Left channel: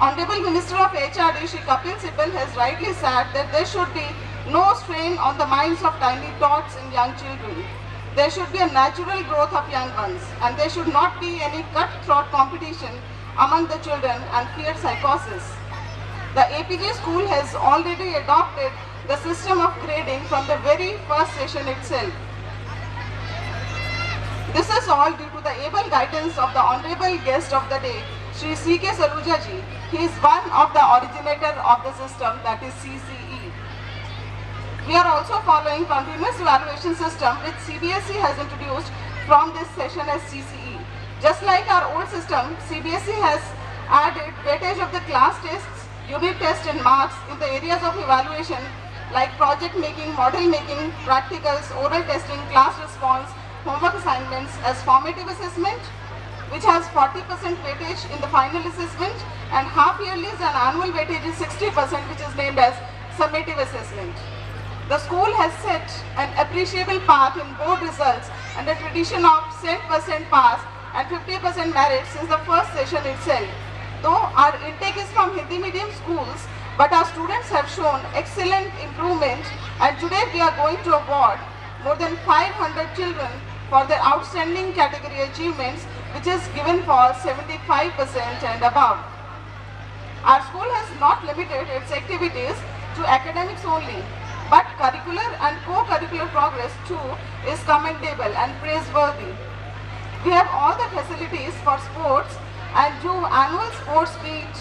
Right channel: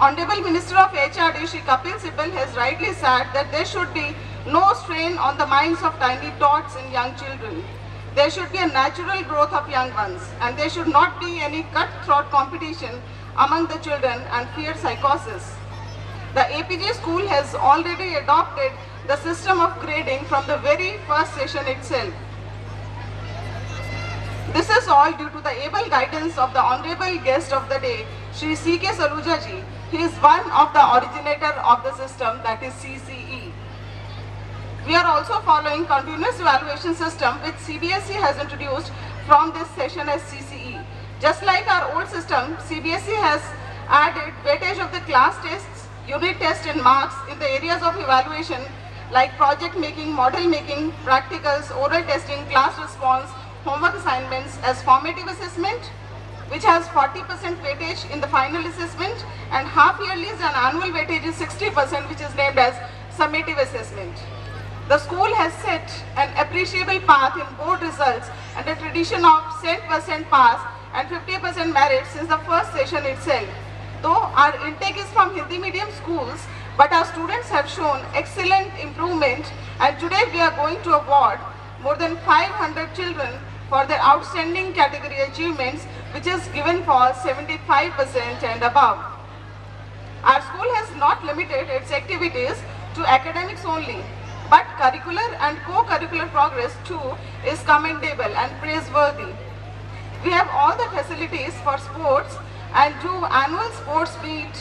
Honorable Minister of HRD, Shri Kapil Sibal, has rightly said that there should be no strain on the minds of tiny tots in young children. There should be a natural growth of young ones, and there should not be any cutthroat competition among the children and fear psychosis. The APJ school has already adopted the system of grading from the very first session itself. This is all due to the able guidance of the honorable guest of the day, Shri C.K. Saluja ji. He is one of the originator of the system, that is CCE. We are also following continuous evaluation system which CBSE has introduced from this session as CCE. Just like our old system, CBSE has added weightage of the class tests, unit test and marks in the areas of evaluation like project making, model making, practicals, oral testing, class response, homework assignments as formative assessment, which has 40% weightage in the final assessment, and half yearlies and annual weightage is 60%, which is named as summative assessment. The school has set an appreciable path in board results and a tradition of 100% pass and 50% merit since the first session itself. Though our intake is from Hindi medium schools, but our students have shown excellent improvement, and today we are going to award more than 500 children for their outstanding category achievements, which is given for 75% and above. Our school has not limited its activities to academics only, but curricular and co-curricular progress too is commendable and praiseworthy. We have all the facilities for sports and do annual sports meet,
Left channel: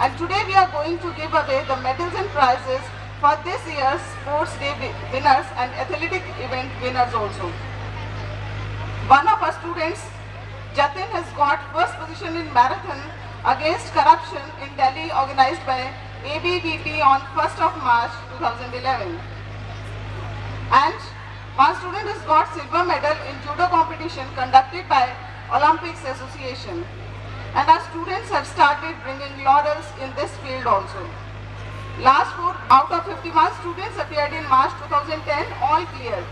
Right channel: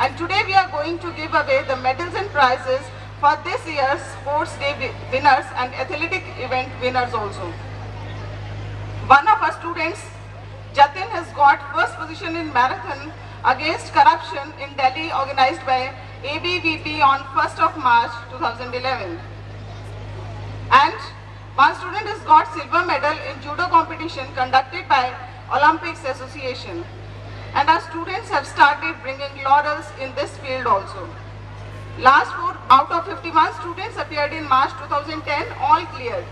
and today we are going to give away the medals and prizes for this year's sports day winners and athletic event winners also. One of our students, Jatin, has got first position in marathon against corruption in Delhi, organized by ABVP on 1st of March 2011. And one student has got silver medal in judo competition conducted by Olympics Association. And our students have started bringing laurels in this field also. Last 4 out of 51 students appeared in March 2010, all cleared.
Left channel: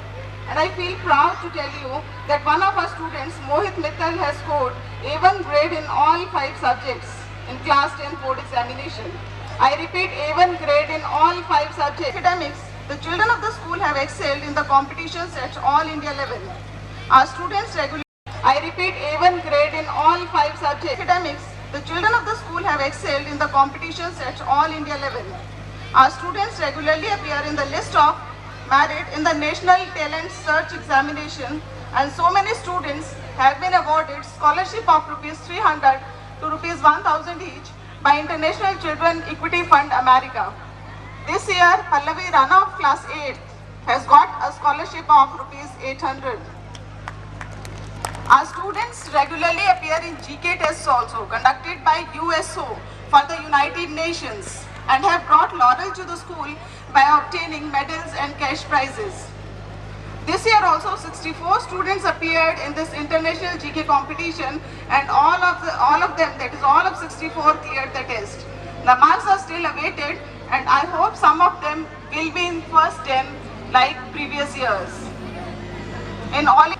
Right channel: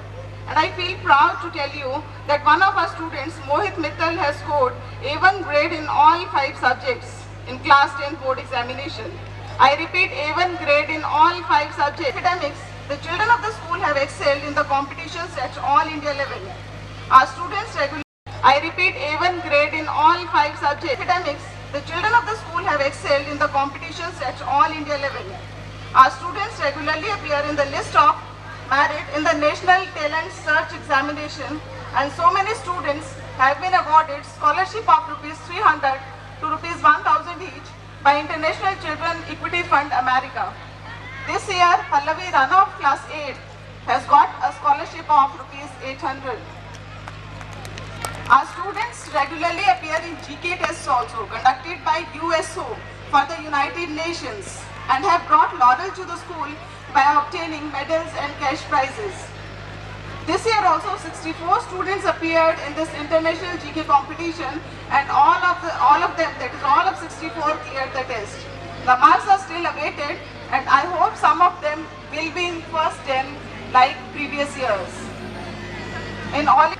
And I feel proud to tell you that one of our students, Mohit Mittal, has scored A1 grade in all 5 subjects in class 10 board examination. I repeat, A1 grade in all 5 subjects. Academics, the children of the school have excelled in the competitions at all India level. Our students regularly, I repeat, A1 grade in all 5 subjects. Academics, the children of the school have excelled in the competitions at all India level. Our students regularly appear in the list of merit in the National Talent Search Examination, and so many students have been awarded scholarship of ₹300 to ₹1,000 each by International Children Equity Fund America. This year, Pallavi Rana of class 8 has got a scholarship of ₹800. Our students regularly appear in GK tests also conducted by USO for the United Nations and have brought laurel to the school by obtaining medals and cash prizes. This year also 64 students appeared in this international GK competition, and all of them, that is all of 64, cleared the test. The marks are still awaited, and I hope some of them will be in first 10 like previous years. In all,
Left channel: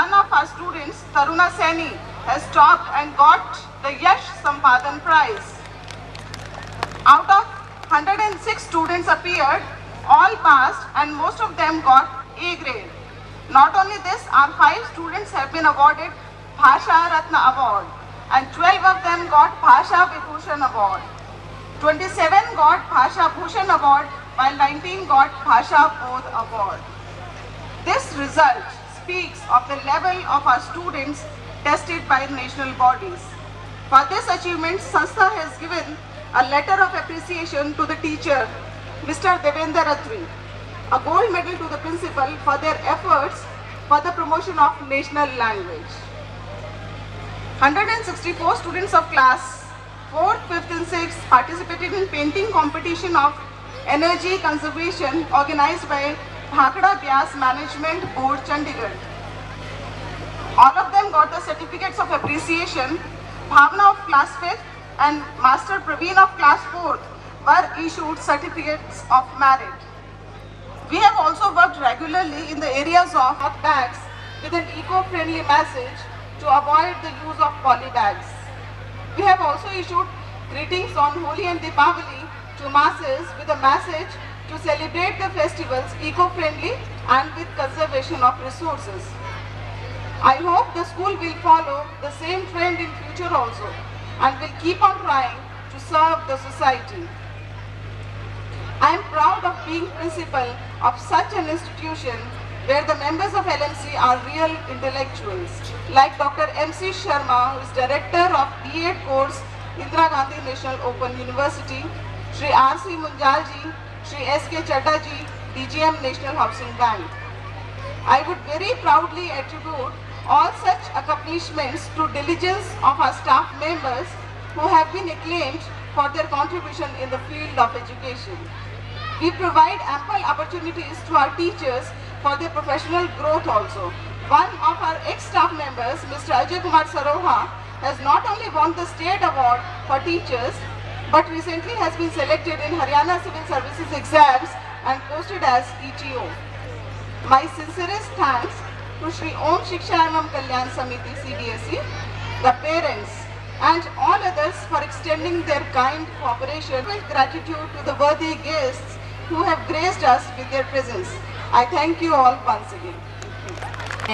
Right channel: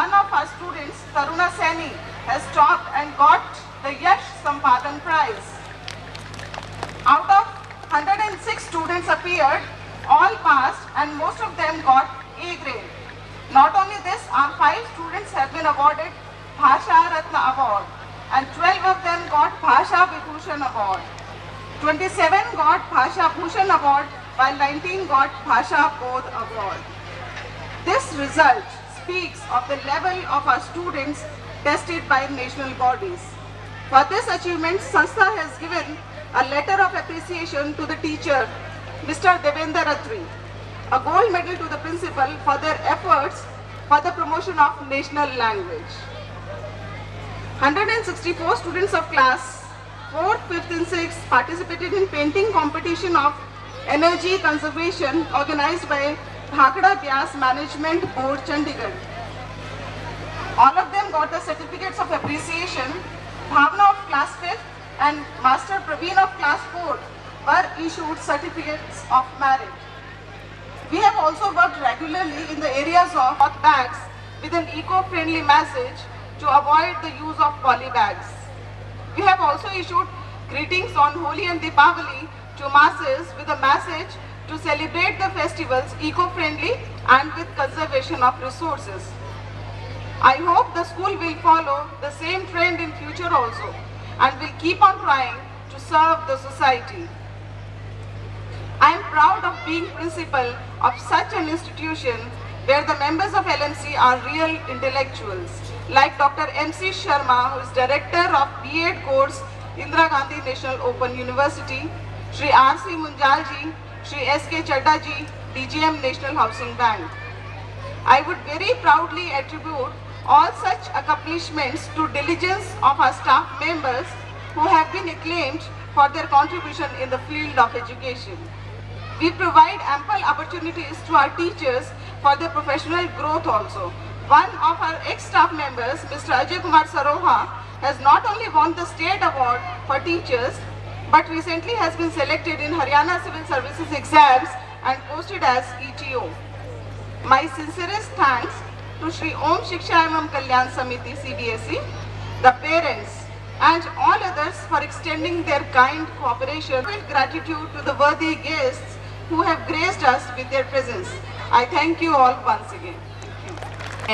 one of our students, Taruna Saini, has topped and got the Yash Sampadan prize. Out of 106 students appeared, all passed, and most of them got A grade. Not only this, our 5 students have been awarded Bhasha Ratna Award, and 12 of them got Bhasha Vibhushan Award. 27 got Bhasha Bhushan Award, while 19 got Bhasha Bodh Award. This result speaks of the level of our students tested by national bodies. For this achievement, Sanstha has given a letter of appreciation to the teacher, Mr. Devendra Ratri, a gold medal to the principal for their efforts for the promotion of national language. 164 students of class 4th, 5th and 6th participated in painting competition of energy conservation organized by Bhakra Vyas Management Board, Chandigarh. All of them got the certificates of appreciation. Bhavna of class 5th and Master Praveen of class 4th were issued certificates of merit. We have also worked regularly in the areas of cloth bags with an eco-friendly message to avoid the use of poly bags. We have also issued greetings on Holi and Deepavali to masses with a message to celebrate the festivals eco-friendly and with conservation of resources. I hope the school will follow the same trend in future also and will keep on trying to serve the society. I am proud of being principal of such an institution where the members of LMC are real intellectuals, like Dr. M.C. Sharma, who is Director of B.Ed course, Indira Gandhi National Open University, Shri R.C. Munjalji, Shri S.K. Chaddaji, DGM National Housing Bank. I would very proudly attribute all such accomplishments to diligence of our staff members who have been acclaimed for their contribution in the field of education. We provide ample opportunities to our teachers for their professional growth also. One of our ex-staff members, Mr. Ajay Kumar Saroha, has not only won the state award for teachers, but recently has been selected in Haryana Civil Services exams and posted as ETO. My sincerest thanks to Shri Om Shikshanam Kalyan Samiti CBSE, the parents and all others for extending their kind cooperation with gratitude to the worthy guests who have graced us with their presence. I thank you all once again.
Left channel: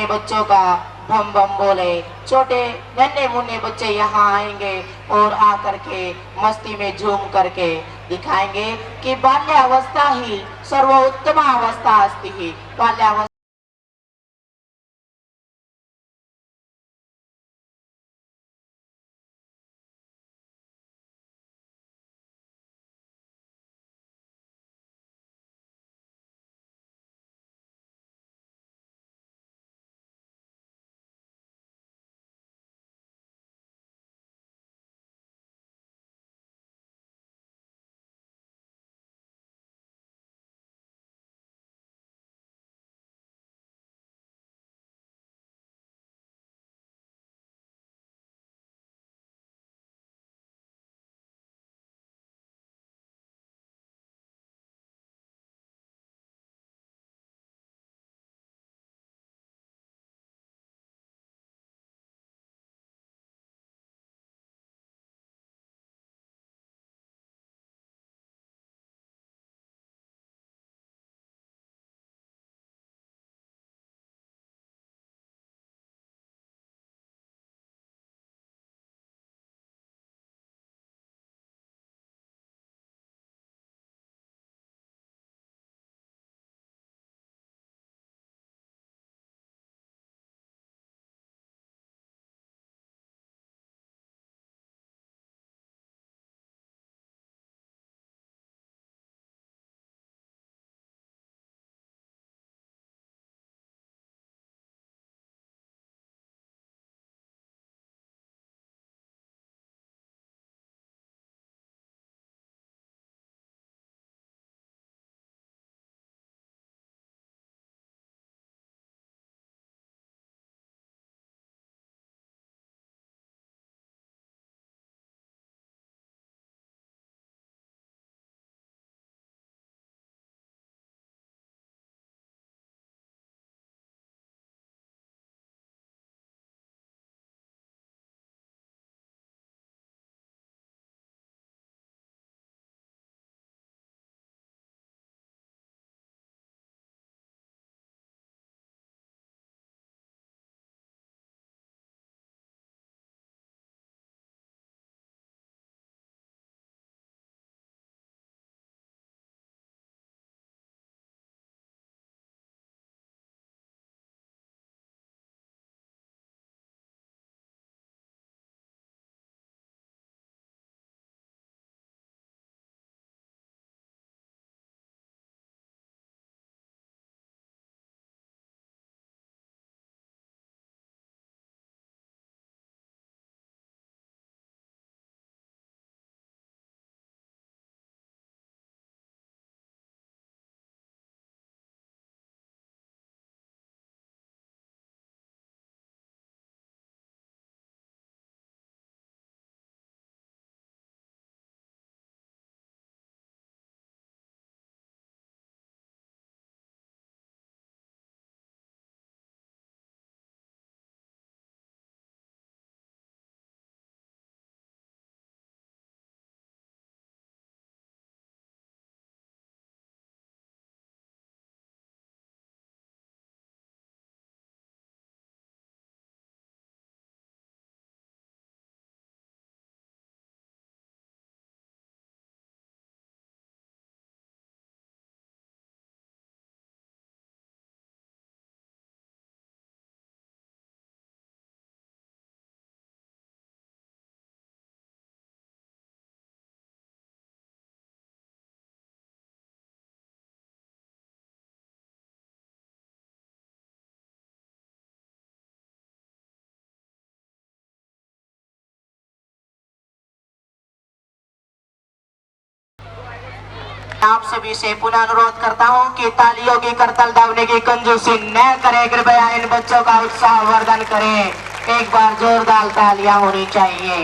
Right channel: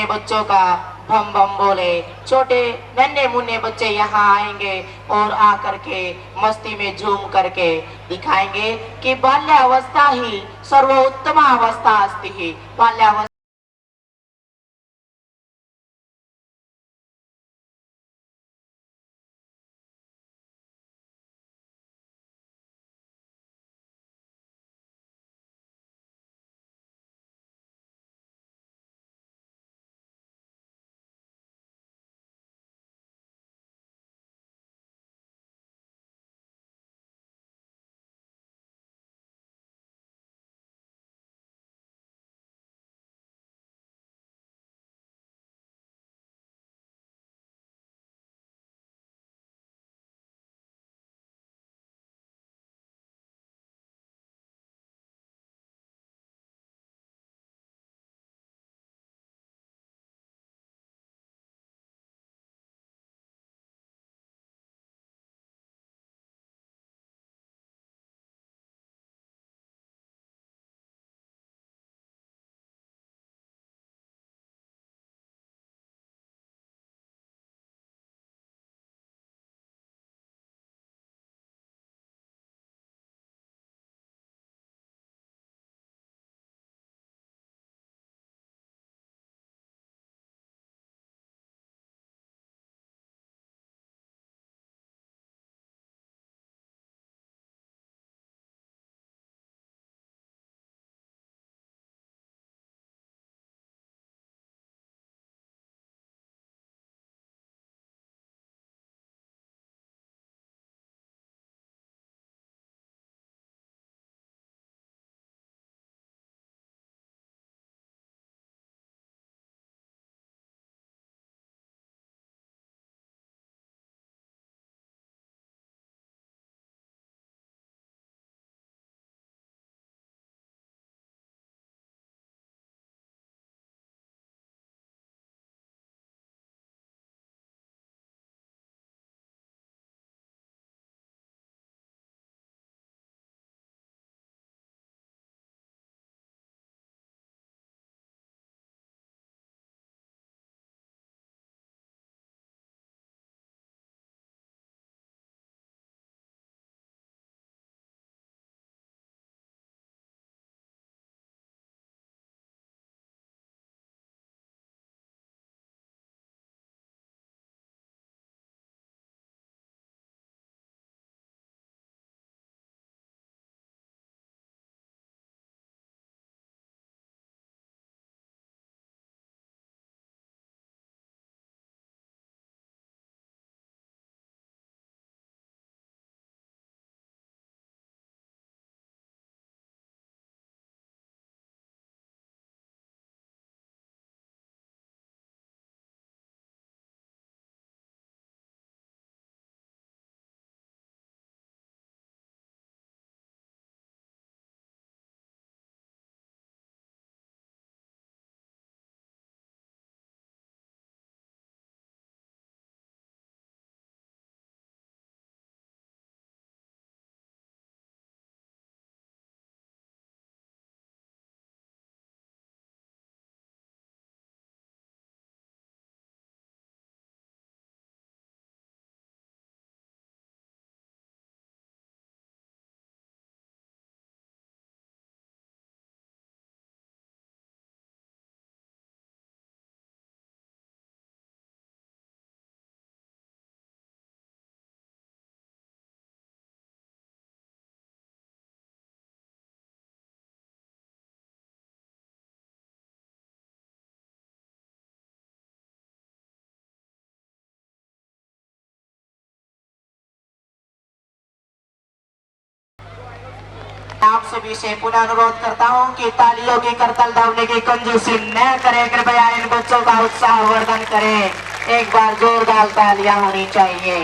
बच्चों का बम बम बोले, छोटे नन्हे मुन्ने बच्चे यहाँ आएंगे और आकर के मस्ती में झूम करके दिखाएंगे कि बाल्यावस्था ही सर्वोत्तम अवस्था अस्ति। बाल्यावस्था आप सभी से पुनः अनुरोध करता हूं कि तालियों की करतल दबने की कंजूसी न करें, कृपया इन बच्चों का उत्साह वर्धन करें। एक बार जोरदार तालियां होनी चाहिए।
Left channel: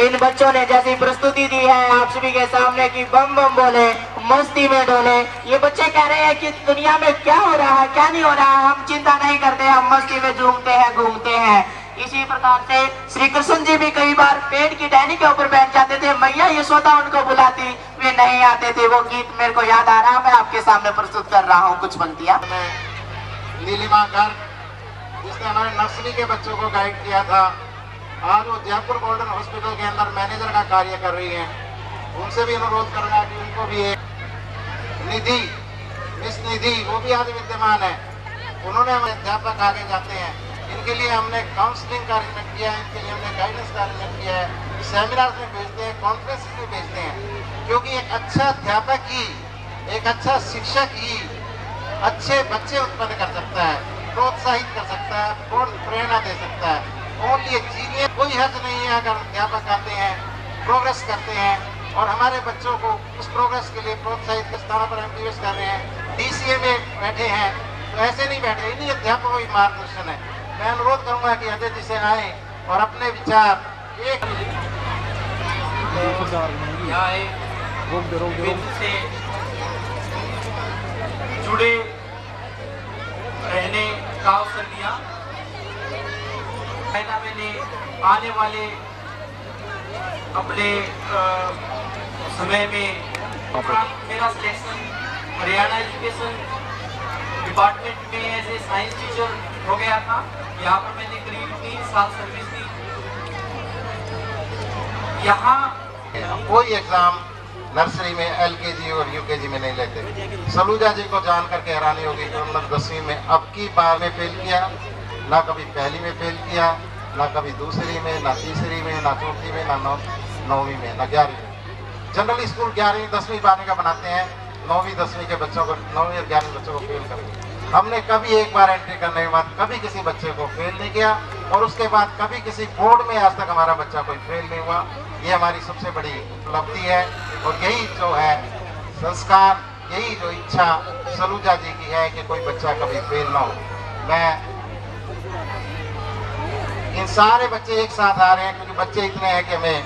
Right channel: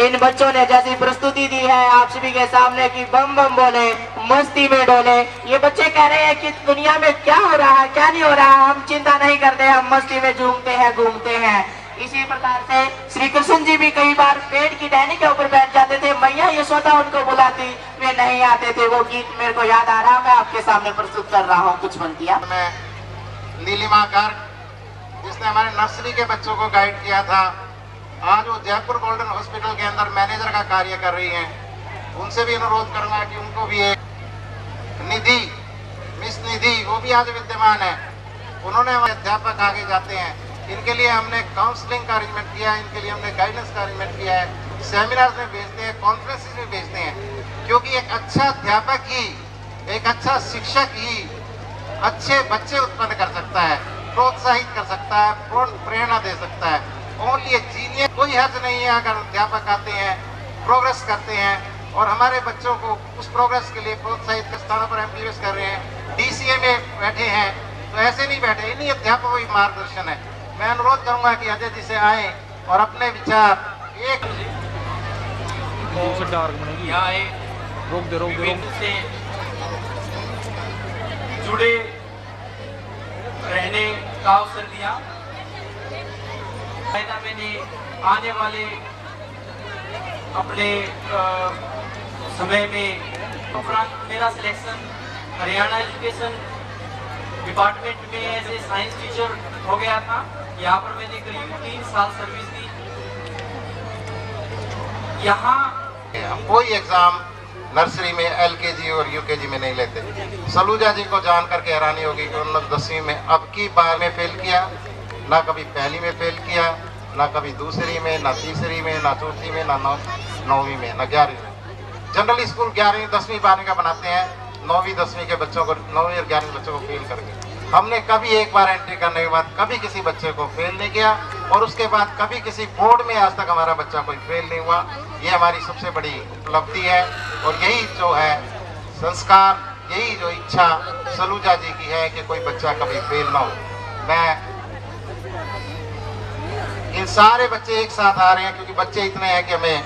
इन बच्चों ने जैसी प्रस्तुति दी है आप सभी के सामने कि बम बम बोले, मस्ती में डोले। ये बच्चे कह रहे हैं कि दुनिया में क्या हो रहा है क्या नहीं हो रहा है, हम चिंता नहीं करते, हम मस्ती में झूमते हैं घूमते हैं। इसी प्रकार से श्री कृष्ण जी भी कई बार पेड़ की टहनी के ऊपर बैठ जाते थे, मैया यशोदा उनको बुलाती, वे नहीं आते थे। वो गीत मेरे को याद आ रहा, मैं आपके सामने प्रस्तुत कर रहा हूँ कुछ पंक्तियां। नीलिमा गर्ग जिसने हमारे नर्सरी के बच्चों को गाइड किया था, आज वो जयपुर गोल्डन हॉस्पिटल के अंदर मैनेजर का कार्य कर रही हैं। उनसे भी अनुरोध करना है कि उनको भी एक निधि, मिस निधि, वो भी आज विद्यमान है। उन्होंने हमारे अध्यापक आगे जाते हैं, इनके लिए हमने काउंसलिंग का अरेंजमेंट किया है, इनके लिए हमने गाइडेंस का अरेंजमेंट किया है, सेमिनार में भेजते हैं, कॉन्फ्रेंस में भेजते हैं, क्योंकि एक अच्छा अध्यापक ही, एक अच्छा शिक्षक ही अच्छे बच्चे उत्पन्न कर सकता है, प्रोत्साहित कर सकता है, प्रेरणा दे सकता है। और ये जीनियस कोई हद नहीं है। अगर अध्यापक आते हैं, प्रोग्रेस करते हैं और हमारे बच्चों को उस प्रोग्रेस के लिए प्रोत्साहित के स्थान पर एमपीएस कर रहे हैं, डीसीए में बैठे हैं, तो ऐसे नहीं बैठे, इन्हीं अध्यापकों की मार्गदर्शन है। मैं अनुरोध करूंगा कि अजय जी से आए और अपने विचार एक से जुड़े रहने का अवसर दिया। मैंने आने वाले अपने समय में मेरा सिलेक्शन हरियाणा एजुकेशन डिपार्टमेंट में एज ए साइंस टीचर हो गया था। यहाँ पर मैंने करीब 3 साल सर्विस दी। यहाँ कोई एग्जाम नर्सरी में एलकेजी और यूकेजी में नहीं लेते। सलूजा जी को जानकर के हैरानी होगी कि उन्होंने 10वीं में अब की बार में फेल किया, ना कभी पहली में फेल किया, ना कभी दूसरी में, ना तीसरी में, ना चौथी में, ना 9वीं में, ना 11वीं में। जनरल स्कूल 11वीं 10वीं 12वीं का बनाते हैं, 9वीं 10वीं के बच्चों को, 9वीं और 11वीं बच्चों को फेल करके। हमने कभी एक बार एंट्री करने के बाद कभी किसी बच्चे को फेल नहीं किया और उसके बाद कभी किसी बोर्ड में आज तक हमारा बच्चा कोई फेल नहीं हुआ। ये हमारी सबसे बड़ी उपलब्धि है और यही जो है संस्कार, यही जो इच्छा सलूजा जी की है कि कोई बच्चा कभी फेल ना हो। मैं इन सारे बच्चे एक साथ आ रहे हैं क्योंकि बच्चे इतने हैं कि हमें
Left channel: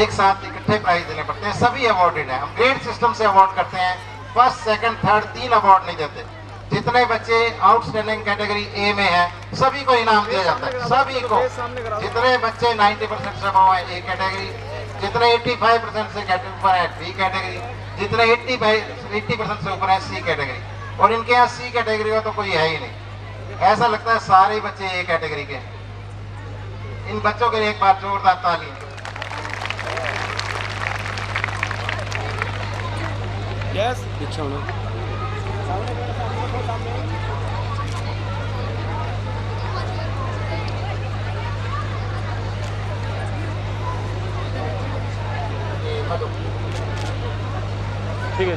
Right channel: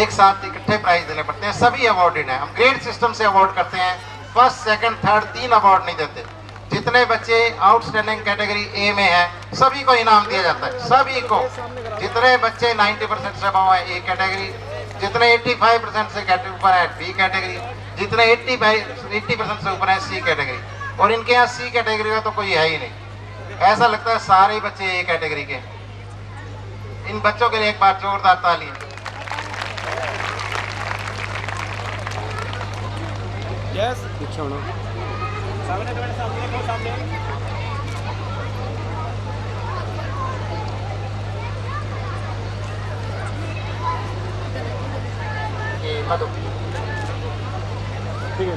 एक साथ इकट्ठे प्राइज देने पड़ते हैं। सभी अवार्डेड हैं, हम ग्रेड सिस्टम से अवार्ड करते हैं, फर्स्ट सेकंड थर्ड 3 अवार्ड नहीं देते। जितने बच्चे आउटस्टैंडिंग कैटेगरी ए में हैं सभी को इनाम दिया जाता है, सभी को। जितने बच्चे 90% से अबव है ए कैटेगरी, जितने 85% से ऊपर है बी कैटेगरी, जितने 80% से ऊपर है सी कैटेगरी। और इनके यहाँ सी कैटेगरी में तो कोई है ही नहीं, ऐसा लगता है सारे बच्चे ए कैटेगरी के। इन बच्चों के लिए एक बार जोरदार ताली। यस पीछे होना सामने सामने ठीक है।